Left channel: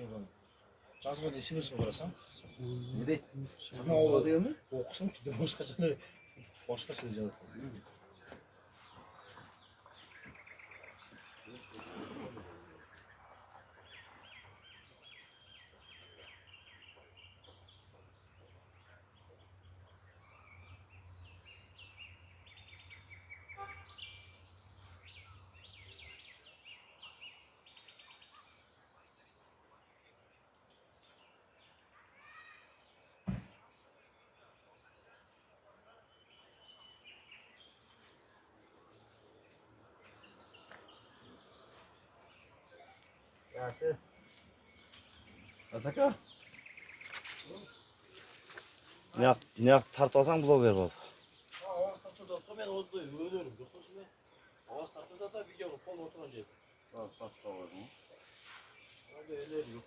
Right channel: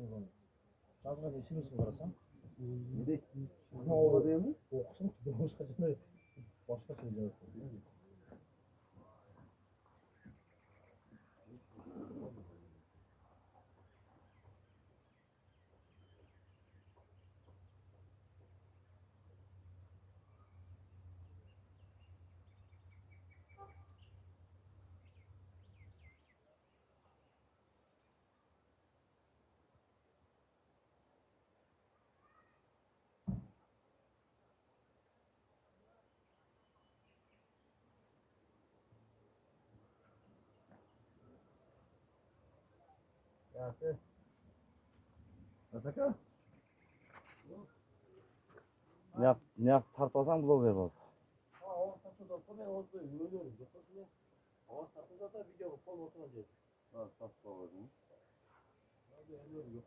деген жазған смс қарасаң Ne deydi? Ama O o değil mi? okusun ki de başka şey yazdı. Yaxshi. Asaka? Ne yap tartılsan blogger bol. Ha, o tartıda ben orada ölüyorum. Yoksa şimdi ağız tartıda da video falan oturacak. Sağ ol. Orada ölüyorum.